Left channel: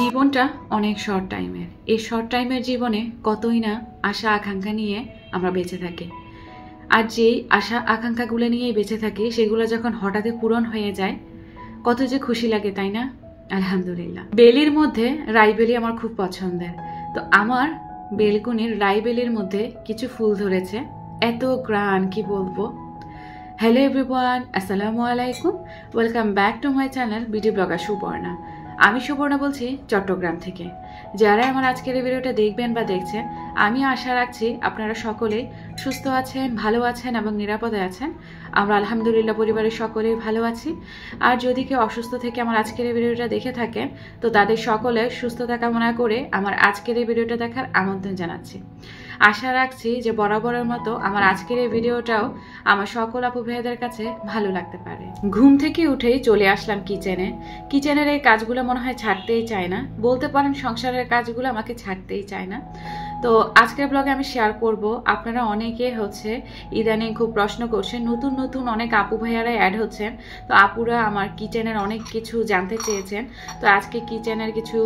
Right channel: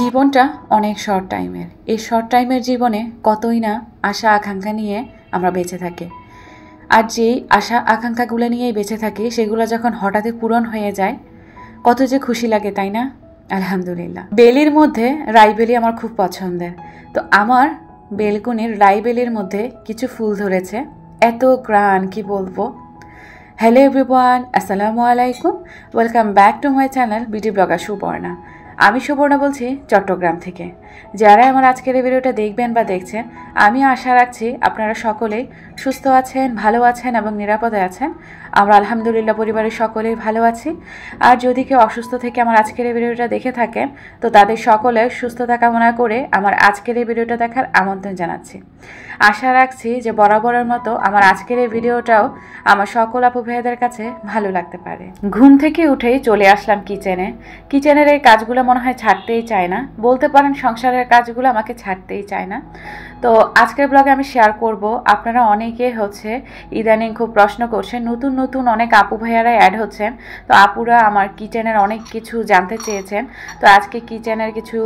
জীবনটা অনেক শর্ট টাইমের। এই শর্ট টাইমের জীবনে কতই না আশা আকাঙ্ক্ষা নিয়ে আমরা বেঁচে থাকি। আর যেই আশা আকাঙ্ক্ষাগুলো নিয়েই বেঁচে থাকি সেগুলো যখন হঠাৎই পূরণ হয়ে যায় কত যে খুশি লাগে, তাই না? আলহামদুলিল্লাহ। বেলির মধ্যে রাইবেলি আমার খুব পছন্দের। তো আমার বেলকুনির রাইবেলির মধ্যে কিছু ফুল ধরেছে, এত গ্রান কি বলবো। হ্যালো এভরিওয়ান, আসসালামু আলাইকুম, welcome back to my channel beauty blogger Subarna. আমি সুবর্ণা বলছি চট্টগ্রাম থেকে। যারা আমার আজকের এই ভিডিওটা দেখবেন বা দেখছেন, আমি আশা রাখছি আপনারা সকলেই সুস্থ আছেন, ভালো আছেন এবং নিরাপদে আছেন। আমরা আলহামদুলিল্লাহ পরিবারের সকলেই ভালো আছি। আর যদি কেউ অসুস্থ থেকে আমার আজকের এই ভিডিওটা দেখে থাকেন তো তাদের সকলের সুস্থতা কামনা করে আমার আজকের এই ভিডিওটা দেখার আমন্ত্রণ জানাচ্ছি। আশা রাখছি যে বরাবরের মতো আমার আজকের এই ভিডিওটাও আমার সকল আপু ভাইয়াদের কাছে ভালো লাগতে পারে। ঘুম থেকে উঠেই চলে আসলাম কিচেনে। কিচেনের এই কাজগুলো মনে হয় ছাড়তেই চায় না, বলতে পারেন সংসারের কাজগুলো আমাকে ছাড়তেই চায় না। তো আজকের ব্লগে আমি শেয়ার করব, আপনারা অনেকে ইদানিং খুব প্রশ্ন করছেন, নতুন নতুন অনেক আপু ভাইয়ারা অ্যাড হচ্ছেন। তো আপুরা আমার কিচেনের অনেক কিছু জানতে চেয়েছেন। তো আজকে কিচেনের কিছু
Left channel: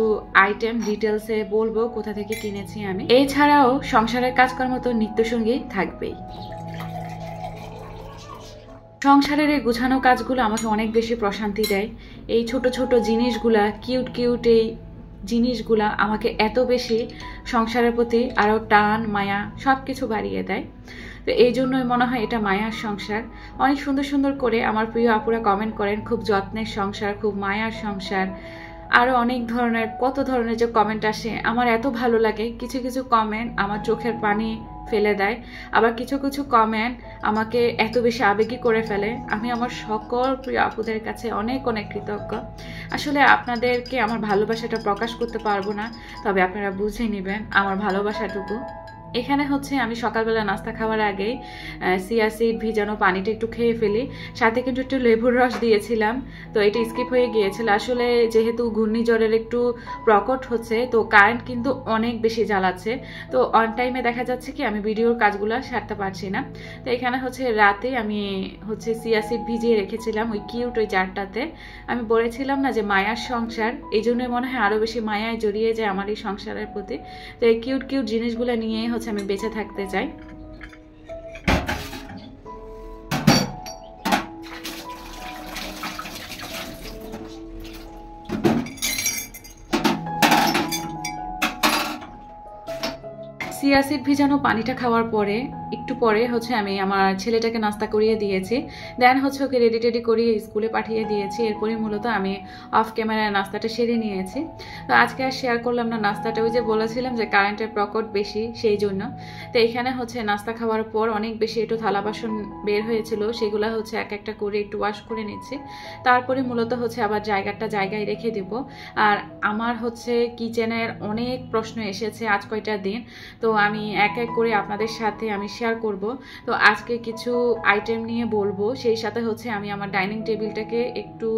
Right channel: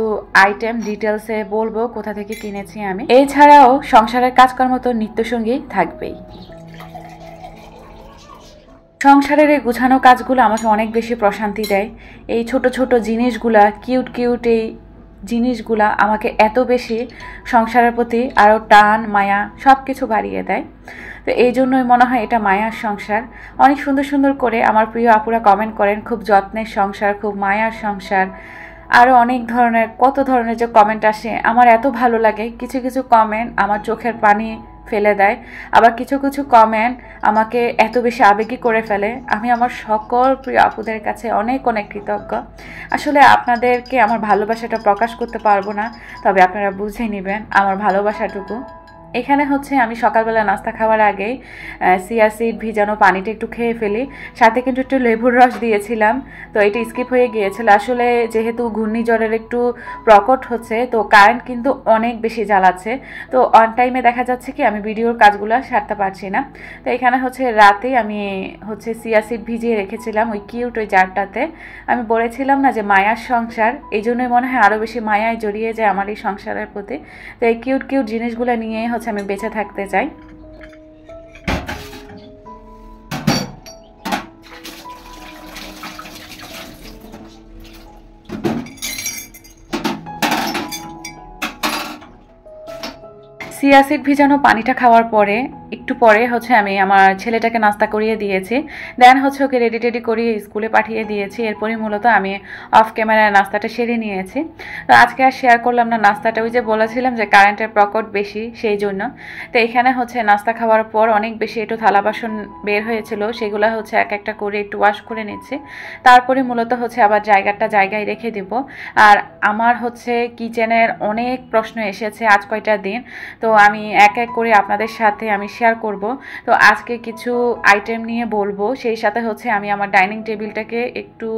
আইটেম ডিটেলসে বলবো, কোথা থেকে কিনেছি আমি। এছাড়াও সংসারের কাজকর্ম তো নিত্যসঙ্গী থাকবেই। সংসারের এই গুছানো কাজগুলো আমাকে অনেক বেশি প্রশান্তি দেয়। এই ছোট ছোট জিনিসগুলা, কিউট কিউট এই জিনিসগুলা আমাকে এত বেশি সংসারের প্রতি আরও টান মায়া সব কিছু বাড়িয়ে দেয়। তো এই জন্যই মনে হয় এটা মায়ার সংসার। অনেক সুন্দর সুন্দর করে আমার প্রিয় আপুরা কমেন্ট করেন, খুব যত্নের সংসার, খুব মায়ার সংসার। আরও অনেক ধরনের কত ধরনের যে কমেন্ট আসে, আমার এত ভালো লাগে। কিছু কিছু কমেন্ট আমার চোখের পানি ফেলে দেয়, আবার কিছু কিছু কমেন্ট আমাকে এত বেশি আবেগী করে ফেলে। আমি আমার সকল প্রিয় আপুদের কাছে অনেক অনেক কৃতজ্ঞ। আসলে আপনাদেরকে আমার ভালোবাসাটা প্রকাশ করতে পারবো না, তবে আপনারা বুঝে নেবেন আমার ভালোবাসাটুকু। এখানে আমি সকালবেলা নাস্তা খাওয়ার আগেই চিয়া সিড ভিজানো পানিটা একটু খেয়ে ফেলি, সাথে কিন্তু একটু লেবুর রস দিয়েছিলাম। তো এটা স্কিপ হয়ে গিয়েছিল। আসলে যেহেতু ঘূর্ণিঝড়ের একটু প্রকট হচ্ছে, তো কারেন্ট কিন্তু অনেক বেশি জ্বালাচ্ছে। তো অন টাইমে দেখা যাচ্ছে কি আমি ভিডিওর কাজগুলো সারতে পারছি না। তো এখানে রাতেই আমি চিয়া সিড ভিজিয়ে রেখেছিলাম ওই কিউট ওই জারটাতে। আমি বলেছিলাম না যে মায়ার সংসার, এই জন্যই মনে হয় আরও বেশি মায়ায় জড়িয়ে যায় আমার এই সংসারের প্রতি। তো এই কিউট কিউট জিনিসগুলো নিয়ে আমি বেঁচে থাকতে চাই। চিয়া সিড ভিজানো পানিটা খাওয়ার পরে একটু পরে আমি আমার ছেলেটাকে নাস্তা করিয়ে দিয়েছি। দেন ওকে রেডি টেডি করিয়ে স্কুলে পাঠিয়ে দিয়েছি। এরপরই মূলত আমি অফ ক্যামেরায় নাস্তাটা সেরে নিয়েছি। তো আজকে আর শেয়ার করলাম না নাস্তাটা, ওই যে বলেছিলাম যে কারেন্টের প্রকট বেশি, সেই জন্য। তো এখানে নাস্তা খাওয়ার পর অনেক বেশি একটু থালা বাসন বের হয়েছিল, সেগুলো এক একটা করে একটু ওয়াশ করে নিচ্ছি। তারপরে মূলত আবার জায়গায় রেখে দিব। আর আমার কিচেনের অনেক প্রশ্ন এসেছে আজ কয়টা দিন, তো আমি এক এক করে আপনাদের সাথে আমি শেয়ার করব। তো আজকে কিছু আইটেম নিয়ে বলবো, সেই সাথে আমি আমার ডাইনিং টেবিলটাকে একটু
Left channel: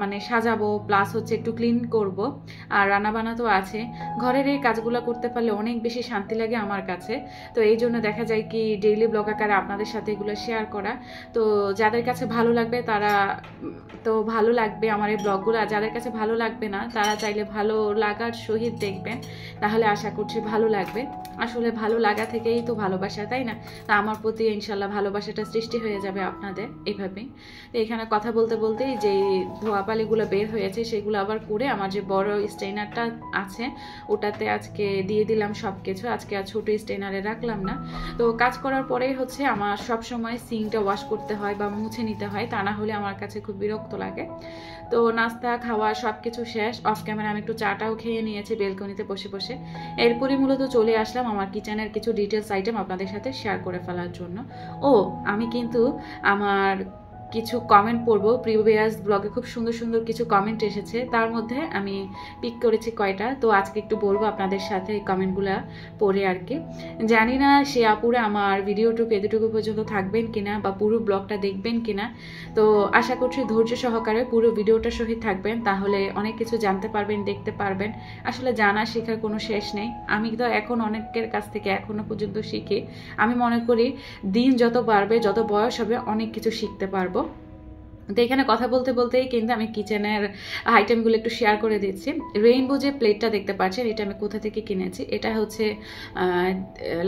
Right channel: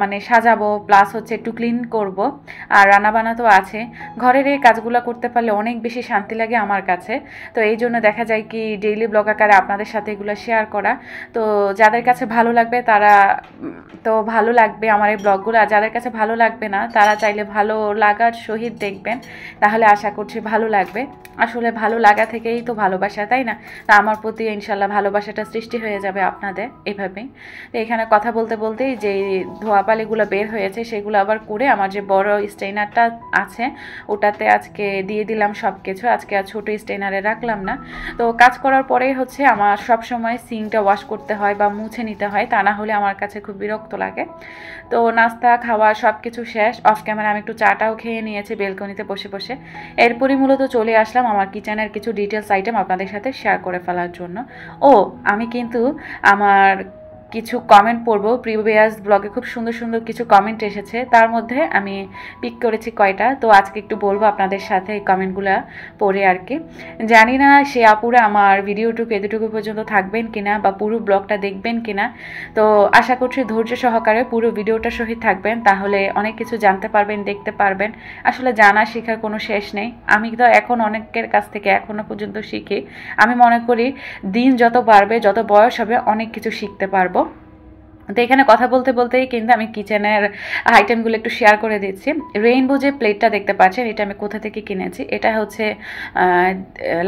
মানে সাজাবো, প্লাস একটু ক্লিন করব। আর রান্নাবান্না তো আছে, ঘরের এই কাজগুলো করতে পারলে অনেক বেশি শান্তি লাগে আমার কাছে। তো এই জন্য দেখা যায় কি ডেইলি ব্লগ আকারে আপনাদের সাথে এগুলো শেয়ার করা। তো যাদের কাছে ভালো লাগবে তারা তো ভালো লাগবে আমার এই ব্লগগুলো, আর যাদের কাছে ভালো লাগবে না তারা চাইলে ভালো লাগার সহিত দেখবেন, তাহলে আশা করছি ভালো লাগবে। আসলে ভালো লাগা থেকেই তো ভালোবাসা, তাই না? তা আমার প্রতি ইনশাল্লাহ ভালোবাসাটা সৃষ্টি হয়ে যাবে আপনাদের এভাবেই। তো এখানে কথা বলতে বলতেই যে ধোয়াপালিগুলো বের হয়েছে সেগুলো আবার করে আমার যে বড় স্টেইনারটা আছে ওটাতে আজকে দিয়ে দিলাম সব কিছু। আজকে আর ছোটো স্টেইনারে রাখলাম না। তো কাজ করার পরেই আমার সব সময় সিঙ্কটা ওয়াশ করতে হয় বা মুছে নিতে হয়, তা না হলে আমার কাছে খুব বিরক্ত লাগে। তো নাস্তা খাওয়া সব কিছু শেষ, অফ ক্যামেরা আমি একটু চাটাও খেয়ে নিয়েছি বেলকনিতে বসে বসে। এরপরই মূলত চলে আসলাম আমার কিচেনের কিছু ডিটেলস আইটেম আপনাদের সাথে শেয়ার করে ফেলার জন্য। আমি কিন্তু আমার কিছু কমেন্ট পড়বো। প্রিভিয়াস ব্লগে খুব সুন্দর সুন্দর কিছু কমেন্ট এসেছে, তার মধ্যে আমি পিক করেছি কয়টা। তো আজকে একটু বলবো আপনাদের সাথে এই কমেন্টগুলো পড়ে আর কি। জানি না সে আপুরা আমার ভিডিওটুকু এতটুকু পর্যন্ত থাকবেন কিনা বা পুরো ব্লগটা দেখবেন কিনা। তো আশা করছি ধৈর্য সহকারে পুরো ভিডিওটা সহিত থাকবেন, তাহলে অনেক কিছু জানতে পারবেন, দেখতে পারবেন। আসলে জানা শেখার কোনো শেষ নেই। আমি তো এখন অনেকের কাছ থেকে এখনো পর্যন্ত শিখি। আমি মনে করি দিন যত বাড়বে, যত বয়স হবে, অনেক কিছু শিখতে পারবো। তো এখানে কথা বলতে বলতেই কিন্তু আমি কিচেনের আইটেমগুলো একটু শেয়ার করে দিচ্ছি। রেইনবো যে প্লেটটা দেখতে পাচ্ছেন এটা আমি কোথা থেকে কিনেছি, এটা হচ্ছে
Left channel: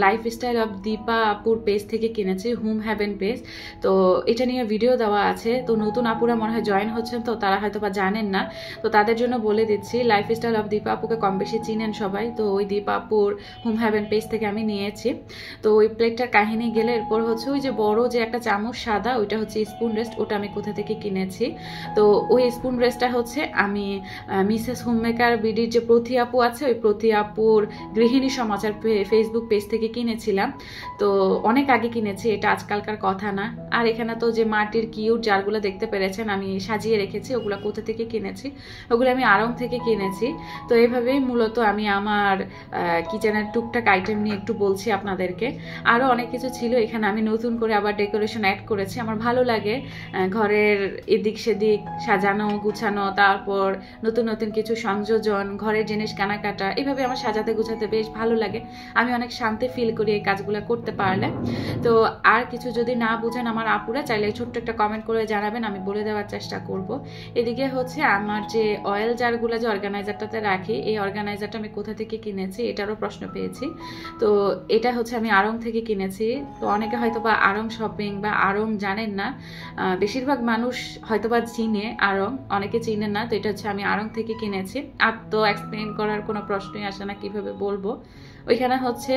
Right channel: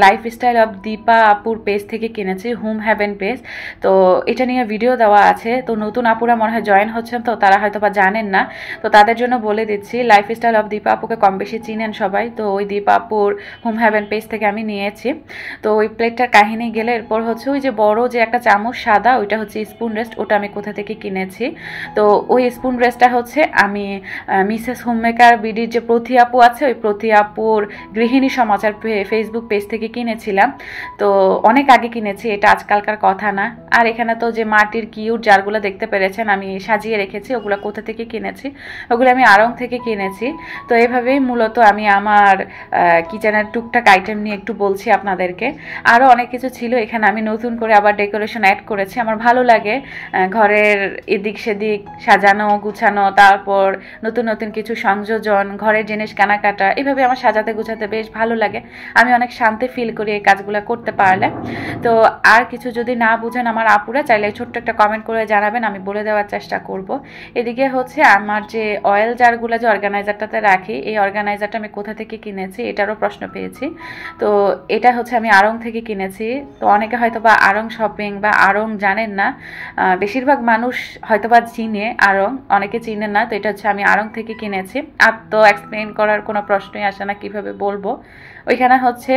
লাইফস্টাইল অফ দীপা আপুর পেজ থেকে কিনেছি, হোম হ্যাভেন পেজ। তো এটা নিয়ে ভিডিও দেওয়া আছে, তো নতুন আপুরা মনে হয় জয়েন হচ্ছেন, তো তারা হয়তো বা জানেন না, তো তাদের জন্য বলে দিচ্ছি। লাইফস্টাইল অফ দীপা আপুকে কম বেশি চিনেন সবাই, তো ওই দীপা আপুর হোম হ্যাভেন পেজ থেকে আমি নিয়েছি। তো ওই প্লেটটার কাহিনী গেলে এরপর হচ্ছে ওই যে বড় যে একটা চামচ সাদা, ওইটা হচ্ছে স্পুন রেস্ট, ওটা আমি কোথা থেকে কিনেছি। তো ওই স্পুন রেস্টটা হচ্ছে আমি মিসেস হোমমেকার বিডির যে প্রতি আপু আছে, ওই প্রতি আপুর গৃহিণী সমাচার ফেসবুক পেজ থেকে কিনেছিলাম। তো অনেক আগে কিনেছি, এটা আজকালকার কথা না। আর এখানে তো যে মাটির কিউট জারগুলো দেখতে পেরেছেন আমি সাজিয়ে রেখেছি, ওগুলো কোথা থেকে কিনেছি, ওগুলো আমি আড়ং থেকে কিনেছি। তো এভাবেই মূলত আমি আমার কিচেনের টুকটাক আইটেম নিয়ে একটু বলছি আপনাদেরকে। আরও অনেক কিছু ছিল, এখানে আমি নতুন করে আবার ডেকোরেশন অ্যাড করেছি। আমার ভালো লাগে ঘরের এদিক সেদিক সাজানো গুছানো, তারপর নতুন নতুন কিছু সংযোজন, ঘরের জিনিস কেনাকাটা, এভাবে আমার সাজাতে গুছাতে বেশ ভালো লাগে। আমি অনেক শান্তি ফিল করি এই কাজগুলো করতে পারলে। তো আর কিছু যদি না বুঝেন আমার আপুরা চাইলে ছোট্ট একটা কমেন্ট করে জানাবেন, আমি বলে দেওয়ার চেষ্টা করব। এদিকে হচ্ছে আমার যে অয়েল জারগুলো যে অর্গানাইজারটাতে রাখি, এই অর্গানাইজারটা আমি কোথা থেকে কিনেছি এটারও প্রশ্ন পেয়েছি। তো এটা হচ্ছে আমি আড়ং থেকে কিনেছি। তো অনেকে হয়তো বা আড়ং শপিং বা আড়ং জানেন না, বেশিরভাগ মানুষ হয়তোবা চিনে আড়ং, অনেকে চিনেন না। তো এটা হচ্ছে আমি আড়ং থেকে কিনেছি। আর তো এক্সপ্লেন করার কোনো প্রশ্নই আসে না কিভাবে বলবো। ওইখানে হচ্ছে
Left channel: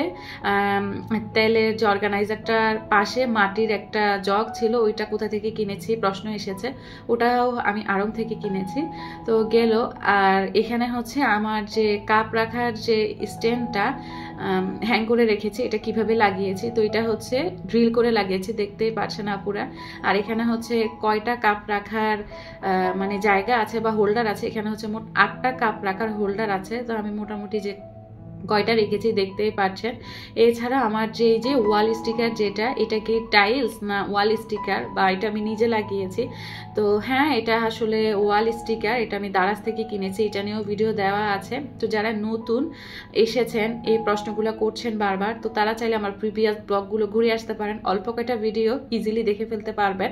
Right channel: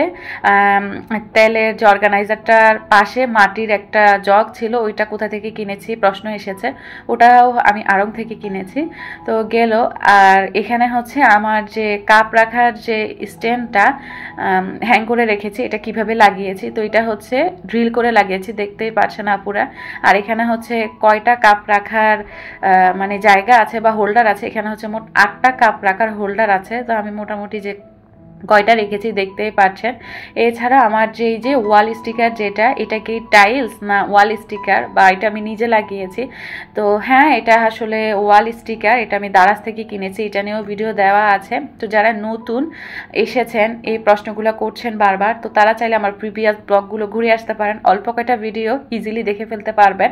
তেলের যে অর্গানাইজারটার পাশে মাটির একটা জগ ছিল, ওইটা কোথা থেকে কিনেছি প্রশ্ন এসেছে, ওটাও আমি আড়ং থেকে কিনেছি। তো গেল। আর এখানে হচ্ছে আমার যে কাপ রাখার যে স্ট্যান্ডটা হ্যাং করে রেখেছি, এটা কিভাবে লাগিয়েছি, তো এটা হচ্ছে ড্রিল করে লাগিয়েছি, দেখতেই পারছেন আপুরা। আর এখানে হচ্ছে কয়টা কাপ রাখার মানে জায়গা আছে বা হোল্ডার আছে, এখানে হচ্ছে মোট 8টা কাপ রাখার হোল্ডার আছে। তো আমি মোটামুটি যে কয়টা রেখেছি দেখতেই পাচ্ছেন। এছাড়া আমার যে এই যে ওয়াল স্টিকার, যেটা এটা কি টাইলস না ওয়াল স্টিকার, বা এটা আমি নিজে লাগিয়েছি। তো হ্যাঁ, এটা আসলে ওয়াল স্টিকার, এটা আমি দারাজ থেকে কিনেছি, এটা নিয়েও ভিডিও দেওয়া আছে। তো যারা নতুন এসেছেন এই প্রশ্নগুলো করছেন বারবার, তো তারা চাইলে আমার প্রিভিয়াস ব্লগগুলো ঘুরে আসতে পারেন, অল্প কয়টা ভিডিও ইজিলি দেখে ফেলতে পারবেন।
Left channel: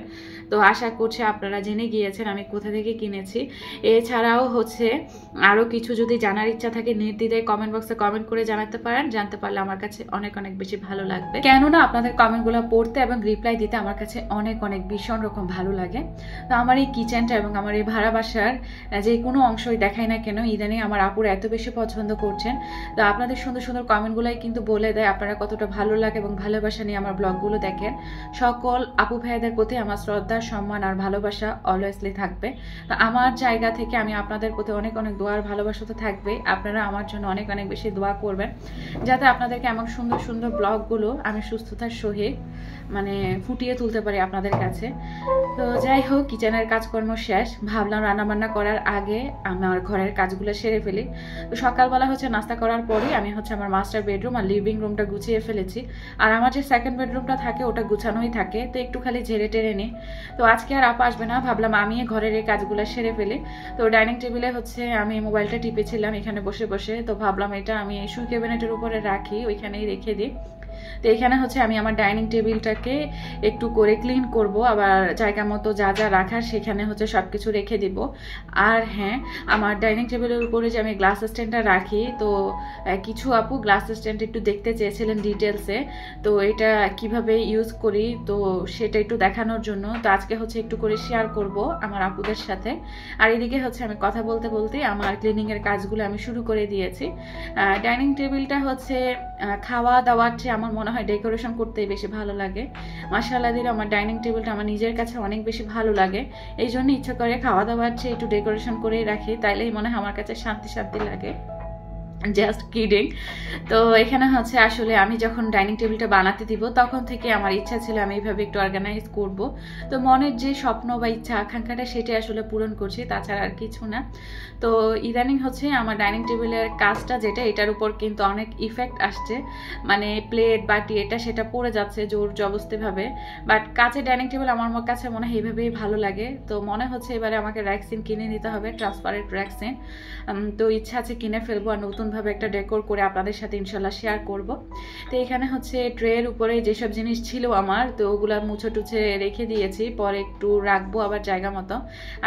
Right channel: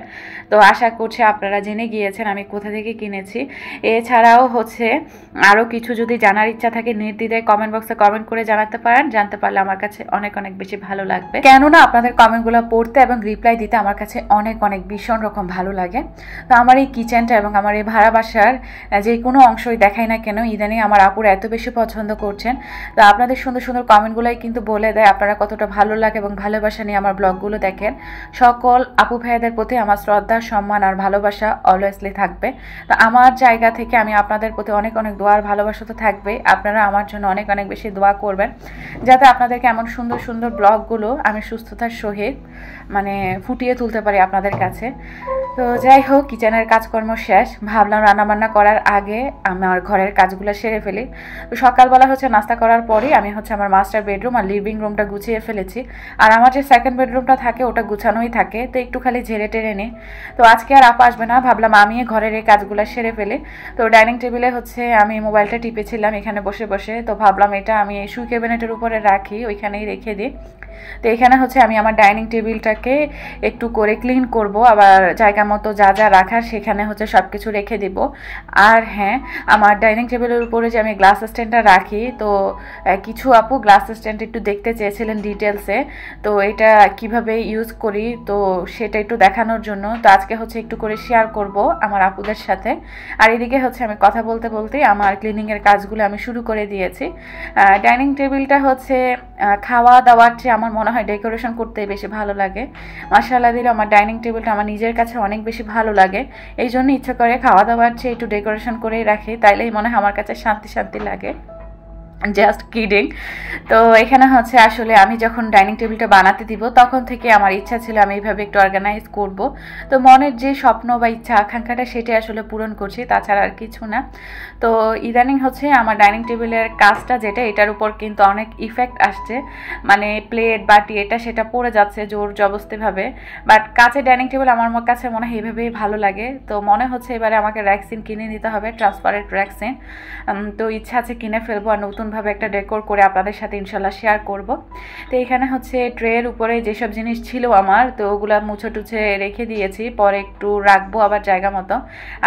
তো আশা করছি আপনারা জেনে গিয়েছেন আমি কোথা থেকে কিনেছি। এছাড়াও হচ্ছে আরও কিছু যদি জানার ইচ্ছা থাকে নির্দ্বিধায় কমেন্ট বক্সে কমেন্ট করে জানাতে পারেন, জানতে পারলে আমার কাছে অনেক অনেক বেশি ভালো লাগবে। কেননা আপনাদের কমেন্টগুলো পড়তে এবং রিপ্লাই দিতে আমার কাছে অনেক অনেক ভীষণ রকম ভালো লাগে। তো আমার এই কিচেনটা এবং আমার এই ভাড়া বাসার যে কোনো অংশই দেখাই না কেন, ইদানিং আমার আপুরা এত বেশি পছন্দ করছেন। তো আপনাদের সুন্দর সুন্দর কমেন্টগুলোই কিন্তু বলে দেয় আপনারা কতটা ভালো লাগে এবং ভালোবাসা নিয়ে আমার ব্লগগুলো দেখেন। সকল আপু ভাইয়াদের প্রতি আমার শ্রদ্ধা, সম্মান আর ভালোবাসা অলওয়েজলি থাকবে। তো আমার জায়গা থেকে আমি আপনাদের প্রতি অনেক অনেক দোয়ার ভালোবাসা তো থাকবে। আপনারা আমার জন্য অনেক অনেক বেশি দোয়া করবেন, যাতে আপনাদেরকে এমন সুন্দর সুন্দর ব্লগগুলো আমি সুস্থতার সহিত মানে ফুটিয়ে তুলতে পারি আপনাদের কাছে। তো যাই হোক, কিচেনের কাজকর্ম শেষ, ভাবলাম রান্নাবান্না করার আগে আমার ঘরের কাজগুলো সেরে ফেলি। তো সকালবেলা হচ্ছে নাস্তা করার পরেই আমি হচ্ছে আমার মাস্টার বেডরুম আর লিভিং রুমটা গুছিয়ে ফেলেছি। আর আমার যে সেকেন্ড বেডরুমটা থাকে ওটা গুছানোই থাকে, তো একটু খালি ঝেড়ে টেরে নিই। তো আজকে আর আপা আসবে না, ভাবলাম আমি ঘরের এই কাজগুলো সেরে ফেলি। তো ডাইনিং টেবিলে হচ্ছে আমি মোবাইলটা টিপেছিলাম এখানে বসে বসে, তো ভাবলাম এটা আমি সুই ক্যাবিনেটের উপরে রাখি, ওইখানেই রেখে দিই। তো এখানে হচ্ছে আমি আমার ডাইনিং টেবিলটাকে একটু করে ক্লিন করব, আবার জায়গা মতো যা যা রাখার সেখানে হচ্ছে সব কিছু রেখে দিব। আর হ্যাঁ, আমার ডাইনিং টেবিলের উপরে যে আমি গ্লাস স্ট্যান্ডটা রাখি, তো কিছু আপু গ্লাস স্ট্যান্ড একটু দেখতে চেয়েছিলেন ডিটেলসে, তো এটা কিভাবে ইউজ করি তো সেটা একটু দেখানোর জন্য তো আজকে হচ্ছে একটু করে শেয়ার করব আমার আপুদের সাথে। আর এদিকে হচ্ছে আমি কথা বলতে বলতেই আমার ক্লিনিংয়ের কাজগুলো আমি শুরু করে দিয়েছি। ডাইনিং টেবিলটা হচ্ছে খাওয়া দাওয়ার চেয়ে আমার মনে হয় ডেকোরেশন করতে বেশি ভালো লাগে। মাশাআল্লাহ দিলে আমার ডাইনিং টেবিলটা আমার নিজের কাছে অনেক বেশি ভালো লাগে, এই জন্য ইচ্ছা করে খাওয়া দাওয়ার চেয়ে একটু ডেকোরেশন করেই রাখি, তাইলেই মনে হয় আমার কাছে শান্তি শান্তি লাগে। Just kidding. তো এখানে হচ্ছে আসলে আমি যখন ডাইনিং টেবিলটা বানাতে দিব তখন থেকে আমার ইচ্ছা ছিল আমি এইভাবে একটু অর্গানাইজ করব। তো মনের যে স্বপ্ন বা ইচ্ছা আকাঙ্ক্ষাটা সেটাই আসলে পূরণ করছি, তাছাড়া আর কিছু না। তো ইদানিং হচ্ছে আমার ডাইনিং টেবিলের কাজটা যেটা, এটার উপর কিন্তু অনেক ইফেক্ট আসছে, মানে প্লেট বাটি এটা সেটা পড়ে যাচ্ছে জোর জবস্তিভাবে। বাট কাচের ডাইনিং টেবিল আমার কাছে মনে হয় এইভাবেই ভালো লাগে। তো মনে হচ্ছে এবারে আমাকে র্যাক্সিন কিনে নিতে হবে, ট্রান্সপারেন্ট র্যাক্সিন। তো ইচ্ছা আছে কিনে ফেলবো, আর নতুন নতুনভাবে একটা ডেকোর করে আপনাদের সাথে ইনশাল্লাহ শেয়ার করব। তো এখানে হচ্ছে ট্রের উপরে যেসব জিনিস ছিল আমার, তো ওগুলো মুছে টুছে রেখে দিয়েছি, পরে একটু রাখবো আবার জায়গা মতো।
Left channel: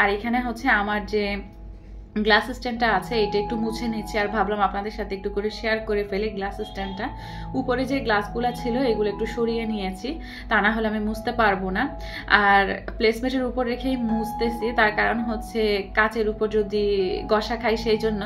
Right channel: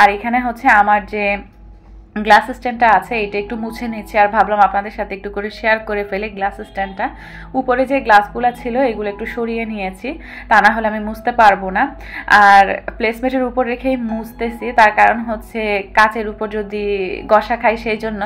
আর এখানে হচ্ছে আমার যে গ্লাস স্ট্যান্ডটা আছে এটা একটু মুছে নিচ্ছি, আর ভাবলাম আপনাদের সাথে একটু করে শেয়ার করে ফেলে গ্লাস স্ট্যান্ডটা। উপরে যে গ্লাসগুলো ছিল এগুলো একটু সরিয়ে নিয়েছি, তা না হলে আমি মুছতে পারবো না। আর প্লেসমেটের উপর রেখেই মুছতেছি, তার কারণ হচ্ছে কাচের উপর যদি গসা খাই, সেই জন্য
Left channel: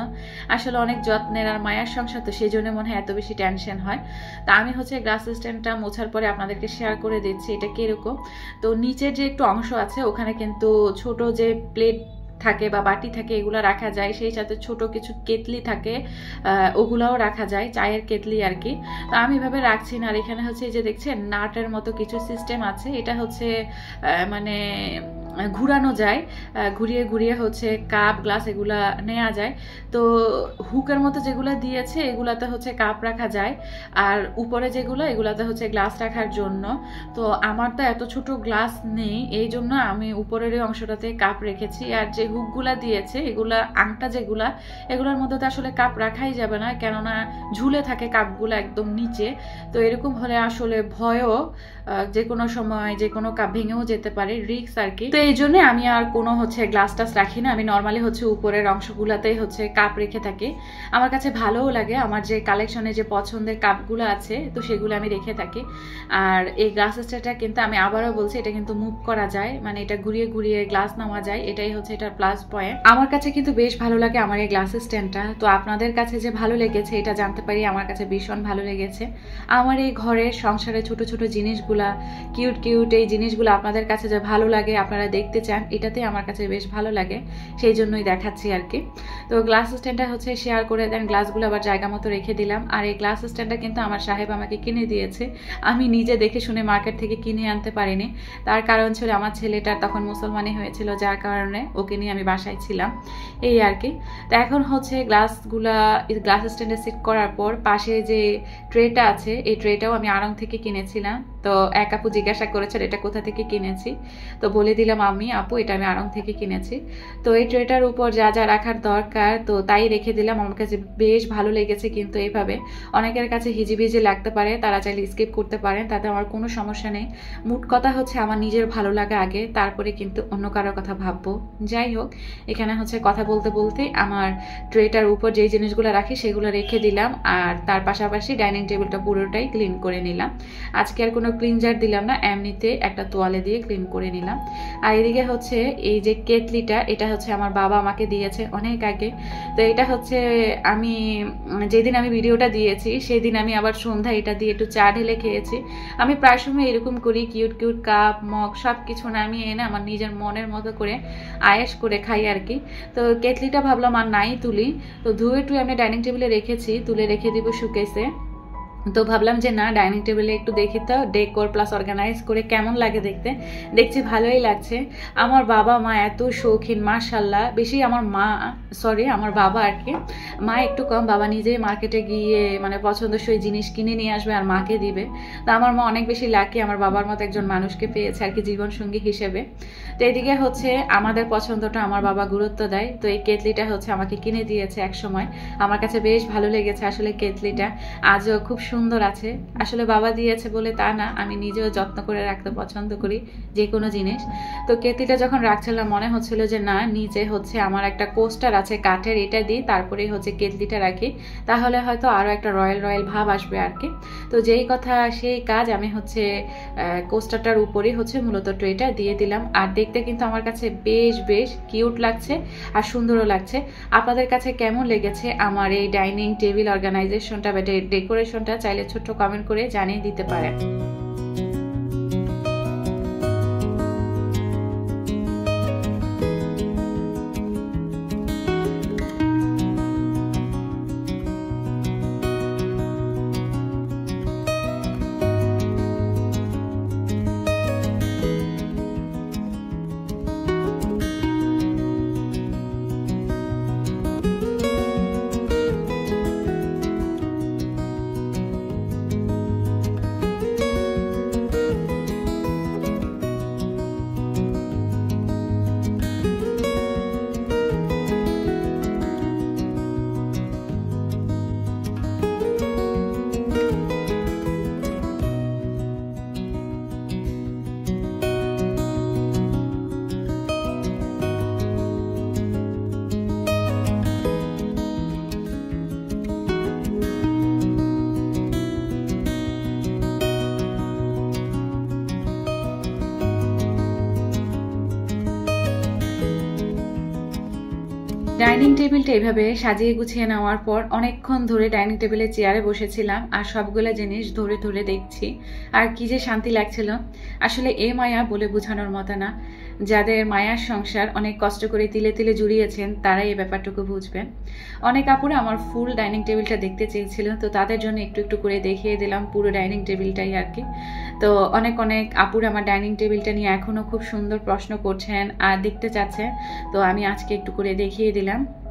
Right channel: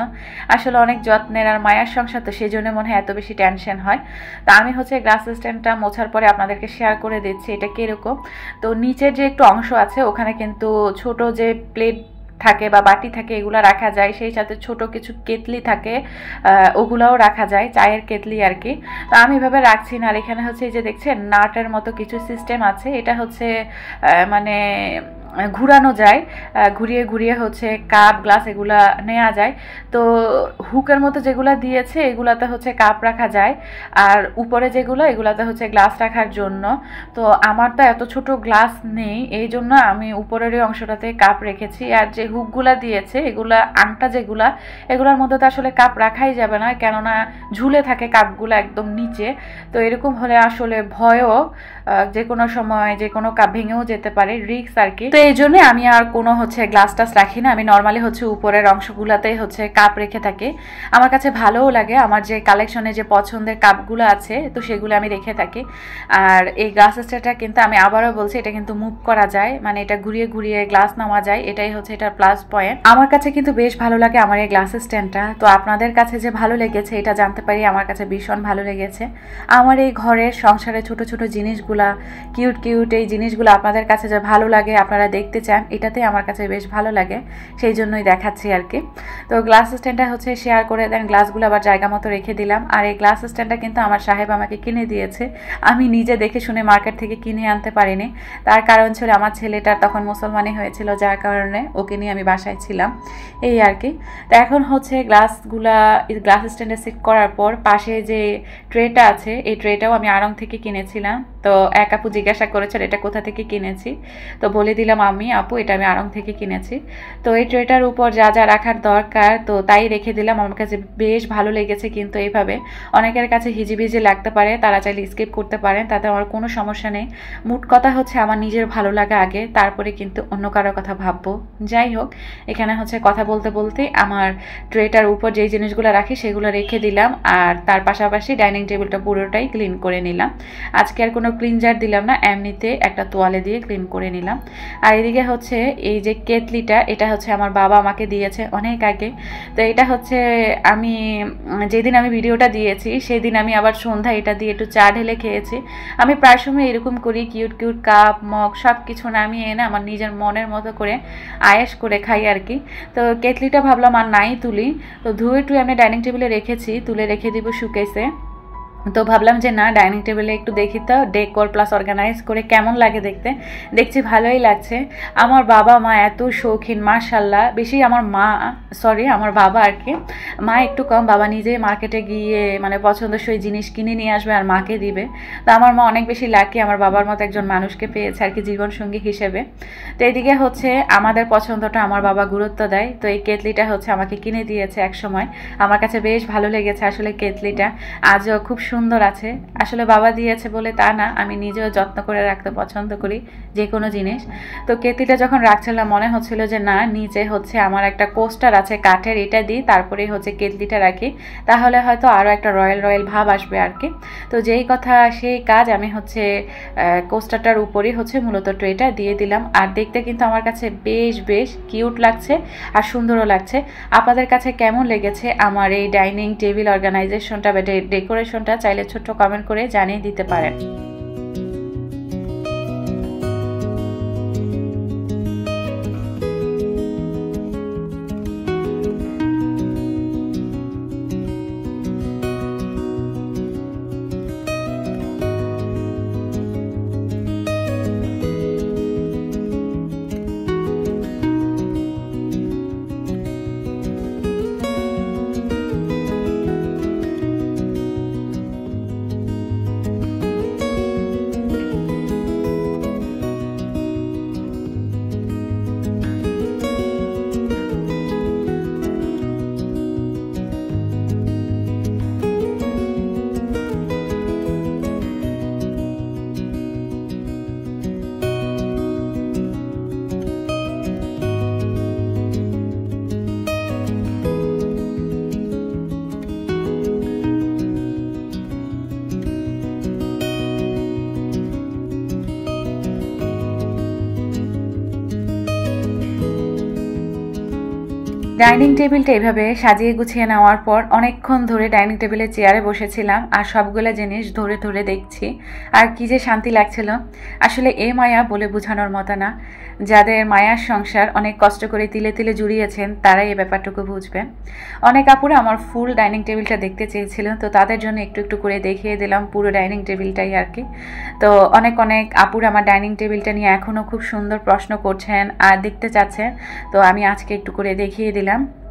আসলে অনেক যত্নের আর মায়ার সংসার, তো সেই জন্য মনে হয় এত বেশি টেনশন হয়। তা আমি হচ্ছে গ্লাস স্ট্যান্ডটা মোছার পরে আপনাদেরকে শেয়ার করে দিচ্ছি এটা কীরকম। তো নিচের যে একটু অংশ আছে ওখানে কিন্তু ছোট যে প্লেট থাকে বা বাটি থাকে এগুলো রাখা যায়, সেই সাথে ছোট কিছু কেতলি থাকে ওগুলাও রাখা যায়, চায়ের কেতলি আর কি। তো আমি এভাবে রাখছি না। আর এখানে হচ্ছে এই যে দেখছেন নাটের মতো কিছু সিস্টেম আছে, এটা হচ্ছে মানে ঘুরানো যায়, ঘুরিয়ে ঘুরিয়ে হচ্ছে কাপ গ্লাস এগুলা নেওয়া যায়। তো হুকের মতো যেগুলো দিয়েছে এগুলাতে হচ্ছে কাপ রাখা যায়, আর উপরে যেগুলো এগুলাতে হচ্ছে গ্লাস রাখার জন্য। তো আমার তো এত ছোট গ্লাস নেই, এই জন্য আমি উপরের এই অংশটাতে কাপ রেখেছি। আর যে হুকগুলা দিয়েছে এগুলা আংটা যেগুলা, এগুলোর মধ্যে তো আসলে কাপ রাখাই যাবে না, কেননা ঝুলে থাকে কাপগুলো একদম নিচে। তো এরকম হলে আসলে ভয়ও, যে কোনো সময় যে কোনো কাপ ভেঙেও যেতে পারে, রিস্ক আর কি। তো এই জন্য আমি আর কোনো হচ্ছে গ্লাস টাস রাখি না, আমি নর্মালি হচ্ছে উপরের অংশগুলোতেই হচ্ছে কাপ রেখে থাকি। আমার কাছে ভালোও লাগে, আমার যে কালেকশনে যে পছন্দের কাপগুলো আছে তো সেগুলো আমি রেখে থাকি। আর এই গ্লাস স্ট্যান্ডটা কিন্তু আমি আবারও বলছি এটা কিন্তু মুভ করা যায়, মানে এটা ঘুরিয়ে ঘুরিয়ে গ্লাস নেওয়া যায়, এটাই হচ্ছে এটার প্লাস পয়েন্ট। আমার কাছে কিন্তু বেশ ভালো লাগে আমার এই গ্লাস স্ট্যান্ডটা। তো আপনাদের কাছে যে ভালো লেগেছে এটা জানতে পারি, আমার কাছে ভীষণ ভালো লেগেছে। আমার এই ঘরের সংসারে ছোট ছোট জিনিসগুলা, কিউট কিউট এই জিনিসগুলো আপনাদের কাছে যে ভালো লাগে, আপনারা দেখতে চান, এটাতে আমার কাছে বেশ ভালো লাগে, সেই জন্যই দেখাচ্ছি আর কি। তো গ্লাস স্ট্যান্ডটা হচ্ছে শেয়ার করে দেন, গ্লাসগুলো আবার জায়গা মতো রেখে দিলাম। আর এই গ্লাস স্ট্যান্ডটা কিন্তু আমার সাহেব আমাকে কিনে দিয়েছে, আমি নিজে দেখে শুনে মার্কেট থেকে কিনে আনতে পারিনি। তার কারণ ছিল আমার ছেলেটার তখন মুসলমানি হয়েছিল, যার কারণে ওকে নিয়ে আমি বাসায় ছিলাম, এই আর কি। তো এখন হচ্ছে গ্লাস স্ট্যান্ডে সেট করার পর পাশে যে ট্রেটা আছে এই ট্রেটাও আমি আড়ং থেকে কিনেছিলাম। তো এক আপু জিজ্ঞাসা করেছেন এটা কোথা থেকে কিনেছি, তো বলে দিলাম আপু এটা আমি আড়ং থেকে কিনেছি। তো এই ট্রেটার উপর যা যা রাখার দরকার তো তাই রেখে দিলাম। আমার কাছে বেশ ভালো লেগেছে, কিন্তু এইভাবে অনেকের কাছে হিজিবিজি লাগতে পারে, তারা চাইলে স্কিপ করতে পারেন, তাতে আমার কোনো সমস্যা নেই। মোট কথা হচ্ছে আমার নিজের ভালো লাগা আগে, তারপরে কিন্তু অন্য কারোর কথা ভাববো। যাই হোক, এখানে হচ্ছে কথা বলতে বলতে আমার ট্রেটার উপর যেই জিনিসগুলো রাখি সেগুলো রেখে দিলাম, আর তার পাশাপাশি ডাইনিং টেবিলটা পুরোটাই ক্লিন করে নিলাম। আজকে আর কোনো ক্লিনজার দিলাম না, এমনিতে একটা তোয়ালে দিয়ে ক্লিন করে নিলাম। আর এদিকে হচ্ছে এই যে কেতলিটা, এটা হচ্ছে আমার বাবা আমাকে দিয়েছে অনেক আগে। তো এটা হচ্ছে আমি যেদিন আমি ভিডিওটা দিয়েছি সেদিন আমি আবার সন্ধ্যা এটা দিয়ে একটু চা ঢেলে খেয়েছি। আমি প্রায় সময় এরকম করি, কিউট কিউট কাপ মগ সব কিছু নামিয়ে এনে আমার নিজের মনের মতো করে আয়েশ করে খাই আর কি। তো কেতলিটা ভাবলাম আর নাই তুলি, তো ধুয়ে টুয়ে আমি ডাইনিং টেবিলে রেখেছি, তুলে রেখে দিব শুকেছে। তো ভাবলাম যে না ডাইনিং টেবিলে একটু দেখি তো ডেকোর প্লাস অর্গানাইজ করে কেমন লাগে দেখতে। দেখছি ভালোই লাগছে। আমার বাবা মা এত শৌখিন মাশাল্লাহ, বেশি আমার আমার বাবা আর কি, মা একটু কম। বাবা নিজেই মার্কেটে গিয়ে মানে পছন্দসই জিনিস কিনে নিয়ে আসবে আর মাকে দিবে। তো আমার মা অনেক বেশি লাকি, আমার বাবার মতো একজন মানুষকে পেয়েছে আর কি জীবনসঙ্গী হিসেবে। তো এদিকে হচ্ছে আমাদের পছন্দটা আমার বাবা গুরুত্ব দেয়। তো এই কেতলিটা হচ্ছে আমাকে কিনে দিয়েছে এক সময়, আমার কাছে বেশ ভালো লেগেছে আসলে কেতলিটা, আজও খুব সুন্দর আছে। আসলে বাবা দিয়েছে বলে তা না, আমি নিজেও যত্ন করে রাখতে পছন্দ করি যে কোনো জিনিস। তো কেতলিটা যখন রাখছিলাম মনে হচ্ছিল যে না নিচে হচ্ছে আমার একটা কোস্টার আছে কাঠের, এটা দিই তারপরেই হচ্ছে কেতলিটা রাখি, তাহলে হয়তো আরও একটা রয়্যাল রয়্যাল ভাব আসবে আর কি। তো যেই কথা সেই কাজ, আমি হচ্ছে কোস্টারটার উপরেই হচ্ছে মূলত ট্রেটা দিয়ে দিলাম। আর দেখতে কিন্তু আমার কাছে বেশ বেশ কিউট লাগছে আর সুন্দরও লাগছে। আপনাদের কাছে কেমন লেগেছে আমার এই ডাইনিং টেবিল অর্গানাইজেশনটা বা ডেকোরেশনটা, চাইলে ছোট্ট কমেন্ট করে জানিয়ে দিতে পারেন। ডাইনিং টেবিলটা এভাবে সাজিয়ে গুছিয়ে নেওয়ার পর অনেকক্ষণ ধরে ডাইনিং টেবিলের চেয়ারে বসেছিলাম আর সবগুলো জিনিস ধরে ধরে দেখছি আর কি যে শান্তি লাগছিল। আসলে এ মায়া বলে বোঝানোর মতো না। যাদের মায়ার সংসার অনেক কষ্ট করে তিলে তিলে জুড়িয়েছেন তারাই এই ব্যাপারটুকু বুঝবেন। অনেক আপুরা আমার ফুল ডাইনিং টেবিলটা দেখতে চেয়েছিল, তো তাদের জন্য একটু একটু করে দেখিয়ে দিলাম পুরো ডাইনিং টেবিলটাই আর কি। তো অনেক অনেক আপুরা আমার ডাইনিং টেবিলটা নিয়ে এখনও খুব সুন্দর প্রশ্ন করছেন আর দেখতে চাচ্ছেন, তো আমি আজকে একটু করে দেখিয়ে দিলাম।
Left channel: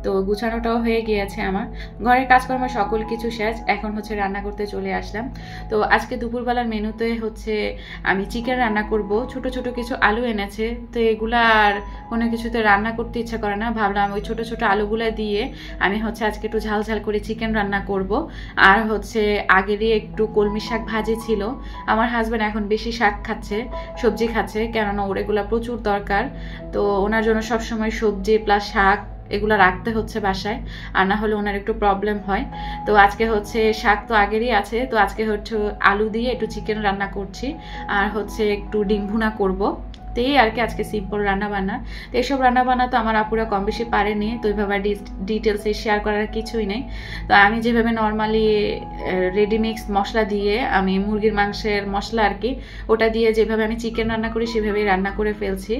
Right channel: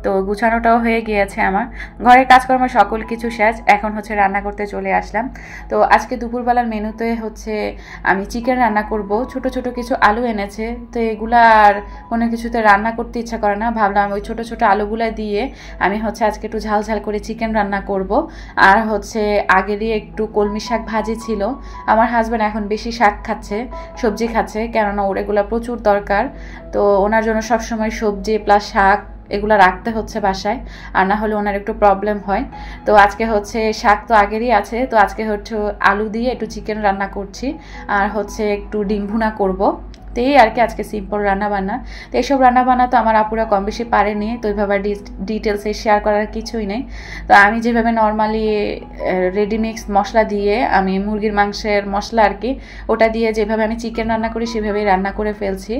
তো গুছানোটাও হয়ে গিয়েছে, আমার ঘরের কাজকর্ম সকল কিছু শেষ, এখন হচ্ছে রান্না করতে চলে আসলাম। তো আজকে দুপুরবেলার মেনুতে হচ্ছে আমি চিকেন রান্না করব। ছোট ছোট কিছু আলু এনেছে, তো এগুলা আর কোনো কিছুতে রান্না করতে ইচ্ছা করে না, ভাবলাম ওই ছোট ছোট আলুগুলা দিয়ে আমি হচ্ছে আজকে একটু ঝাল ঝাল করে চিকেন রান্না করব। আর হচ্ছে আগেরই একটু কলমি শাক ভাজি ছিল। আমার হাজব্যান্ড এখন বেশি শাক খাচ্ছে, সবজি খাচ্ছে, কেননা ওর এগুলো প্রচুর দরকার। তো ওনার জন্য সবসময় সবজি প্লাস শাক এগুলো রাখতে হচ্ছে বাসায়, আর না হলে ওনার একটু প্রবলেম হয়। তো আজকে হচ্ছে শাক তো আগেরই আছে, তো আজকে হচ্ছে আলু দিয়ে একটু চিকেন রান্না করছি আর হচ্ছে একটু ডিম ভুনা করবো। তো এই আর কি আজকে সিম্পল রান্নাবান্না। তো এইসব রান্নাবান্না তো আমার আপুরা কম বেশি পারেনি, তো ওইভাবে ডিটেলসে শেয়ার করার কিছুই নেই। তো আমি যেভাবে নর্মালি রেডিমিক্স মশলা দিয়ে আমি মুরগির মাংসের মশলা আর কি ওটা দিয়ে যেভাবে আমি চিকেন রান্না করি সেভাবেই রান্না করে ফেলছি।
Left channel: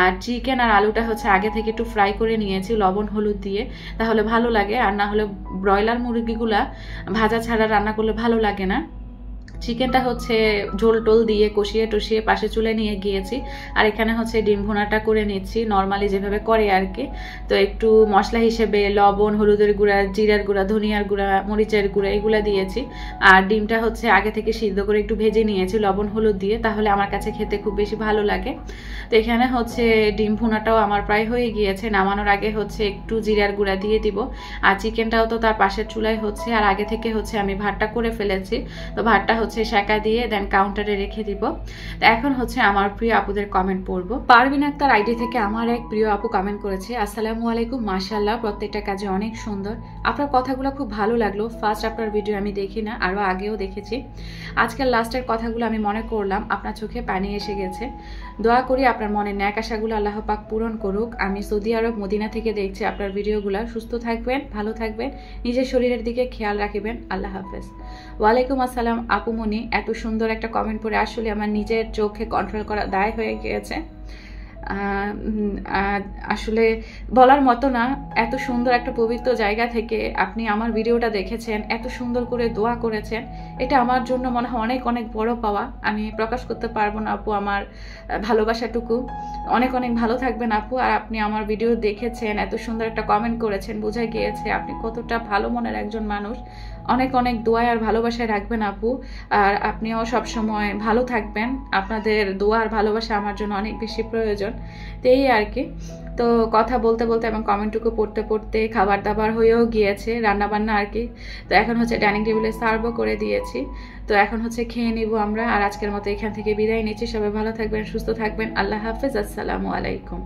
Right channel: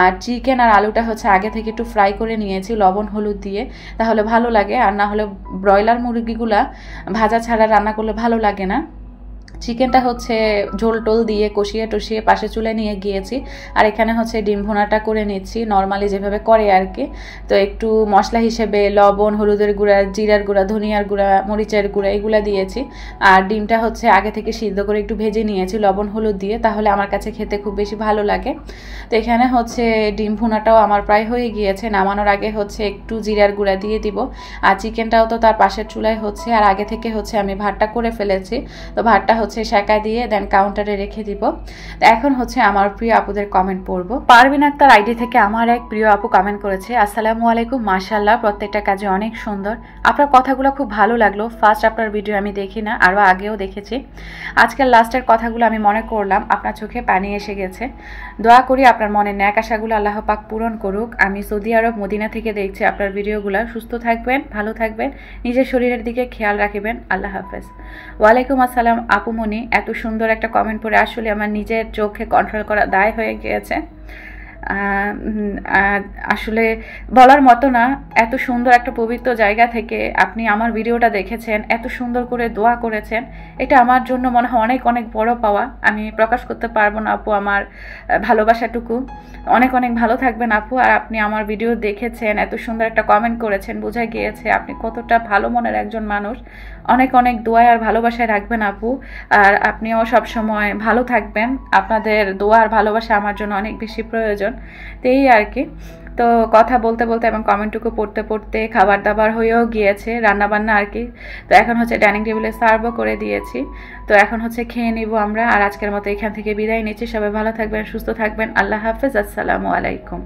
আর চিকেন আর আলুটা হচ্ছে আগে থেকে একটু ফ্রাই করে নিয়েছি লবণ হলুদ দিয়ে, তাহলে ভালো লাগে। আর না হলে ব্রয়লার মুরগিগুলা ভাজা ছাড়া রান্না করলে ভালো লাগে না। চিকেনটা হচ্ছে ঝোল টোল দিয়ে কষিয়ে টষিয়ে পাশে চুলে নিয়ে গিয়েছি, আর এখানে হচ্ছে ডিম ভুনাটা করে নিচ্ছি নর্মালি যেভাবে করে আর কি। তো একটু মশলা হিসেবে লবণ হলুদের গুঁড়া জিরার গুঁড়া ধনিয়ার গুঁড়া মরিচের গুঁড়া এগুলা দিয়েছি। আর ডিমটা হচ্ছে আগে থেকে সিদ্ধ করে একটু ভেজে নিয়েছি লবণ হলুদ দিয়ে, তাহলে আমার কাছে খেতে খুব বেশি ভালো লাগে। তো এখানে হচ্ছে ডিম ভুনাটাও আমার প্রায় হয়ে গিয়েছে, নামানোর আগে হচ্ছে একটু জিরার গুঁড়া দিয়ে দিব। আর চিকেনটাও তো তার পাশের চুলায় হচ্ছে, আর আগে থেকে হচ্ছে আমি ভাতটা করে ফেলেছি, তো ভাতটা হচ্ছে সেকা দিয়ে দেন কাউন্টারে রেখে দিব। তো এখন হচ্ছে আমার প্রিয় আপুদের কমেন্ট পড়বো। পারভিন আক্তার আইডি থেকে আমার এক প্রিয় আপু কমেন্ট করেছে, আসসালামু আলাইকুম, মাশাআল্লাহ প্রত্যেকটা কাজে অনেক সুন্দর, আপনার কথাগুলো খুব ভালো লাগলো। ফার্স্ট আপনার ভিডিও আমি দেখি না, আরও আগেও দেখেছি, আজকের লাস্টের কথাগুলো আমি মনে করলাম, আপনার চোখে পানি এসে গেছে। দোয়া করি আপনার মনের ন্যাক আশাগুলো আল্লাহ পাক পূরণ করুক। আমি সৌদি আরব মদিনা থেকে দেখছি আপনার ভিডিওগুলো। সুস্থ থাকবেন, ভালো থাকবেন, নিজের শরীরের দিকে খেয়াল রাখবেন, আল্লাহ হাফেজ। ওয়ালাইকুম আসসালাম আপুমনি, এত সুন্দর একটা কমেন্ট পড়ে আসলে আমার নিজের চোখে কন্ট্রোল করা দায় হয়ে গিয়েছে। আসলে বলার মতো না, এত সুন্দর একটা পবিত্র জায়গা থেকে আপনি আমার ভিডিওটা দেখেছেন, এত সুন্দর করে দোয়া করেছেন, এটা আমার জন্য মনে হয় অনেক অনেক বড় পাওয়া। আমি প্রকাশ করতে পারবো না আপু আমার ভালোবাসাটুকু। অনেক অনেক ভালো থাকবেন আপু। আর আপনি আমার ভিডিও দেখেছেন, এত সুন্দর একটা কমেন্ট করেছেন, বোঝা গিয়েছে আপনি কতটা ভালো মনের একজন মানুষ। অনেক অনেক দোয়া আর ভালোবাসায় রাখবেন আপু, আর আপনিও সবসময় ভালো থাকবেন। আপনাদের দোয়া আর ভালোবাসা আমার জন্য অনেক বেশি প্রয়োজন। তো এই আর কি। তো কথা বলতে বলতে এবং কমেন্টটুকু পড়তে পড়তে খাবার দাবার হয়েও গিয়েছে, রান্নাবান্না আর কি। তো এখন হচ্ছে ডাইনিং টেবিলে সার্ভও করে দিয়েছি, তো এখন হচ্ছে খেয়ে নিব আমরা। আর আজকের মতো এখান থেকে বিদায় নিচ্ছি। সবাই ভালো থাকবেন, সুস্থ থাকবেন, আল্লাহ হাফেজ, আসসালামু আলাইকুম।